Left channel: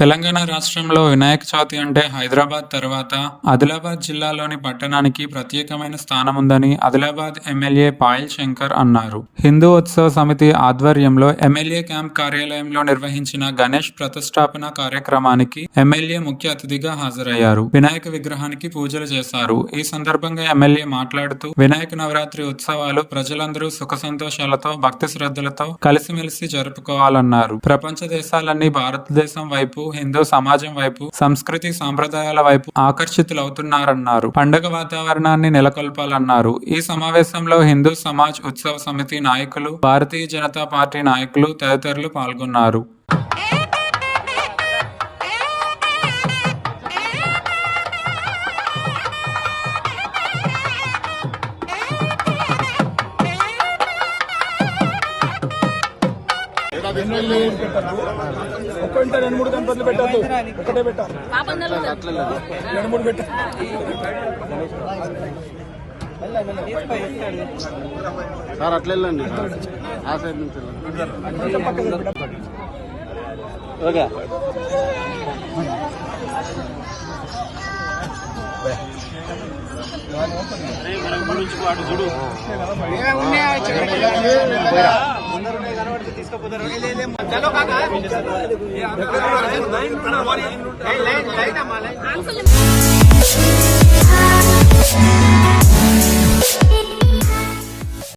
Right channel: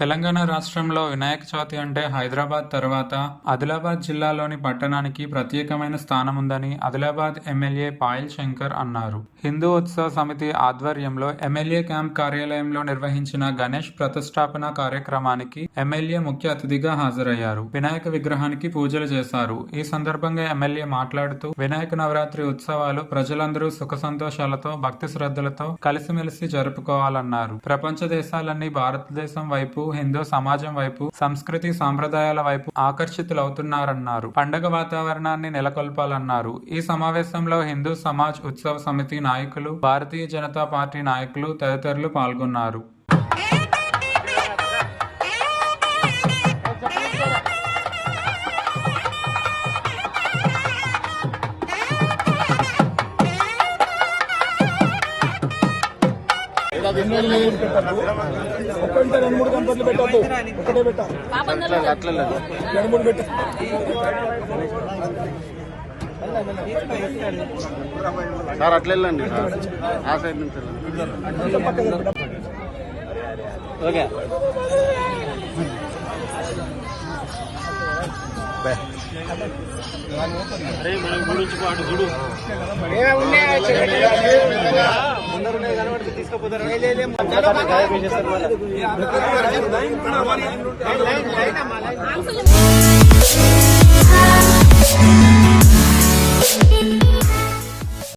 తెలంగాణ రాష్ట్రంలో వినాయక చవితి అంటే హైదరాబాద్ తర్వాత ఆదిలాబాద్ జిల్లాలోని పట్టణానికి ప్రత్యేకమైన స్థానం ఉందని ఆదిలాబాద్ ఎమ్మెల్యే పాయల్ శంకర్ అన్నారు. హిందూ ఉత్సవ సమితి ఆధ్వర్యంలో ఎమ్మెల్యే క్యాంప్ కార్యాలయంలో నిర్వహించిన గణేష్ ప్రతిష్టాపన కార్యక్రమానికి ఎమ్మెల్యే ముఖ్య అతిథిగా హాజరయ్యారు. వినాయక విగ్రహానికి పూజలు చేశారు. ఈ సందర్భంగా ఎమ్మెల్యే మాట్లాడుతూ వినాయక నవరాత్రి ఉత్సవాలు ప్రజలందరూ సుఖ సంతోషాలతో భక్తి శ్రద్ధలతో కలిసిమెలిసి జరుపుకోవాలన్నారు. ప్రపంచ దేశాలన్నీ భారతదేశం వైపు, హిందూ సమాజం వైపు, సంస్కృతి సాంప్రదాయాల వైపు ఆకర్షితులవుతున్నారన్నారు. పండుగ వాతావరణాన్ని నెలకొల్పాలన్నారు. ఈ సమావేశంలో హిందూ సమాజ్ ఉత్సవ సమితి నాయకులు, భారతీయ జనతా పార్టీ నాయకులు తదితరులు పాల్గొన్నారు. ఒక్కంటే 2-3 గణపతులు పెట్టద్దు, ఒకటే పెట్టాలి. 2-3 పెట్ట సార్ అట్లా వెళ్ళండి సార్, ఆ సైడ్ నుంచి ఓకే. తీసుకుపోతారు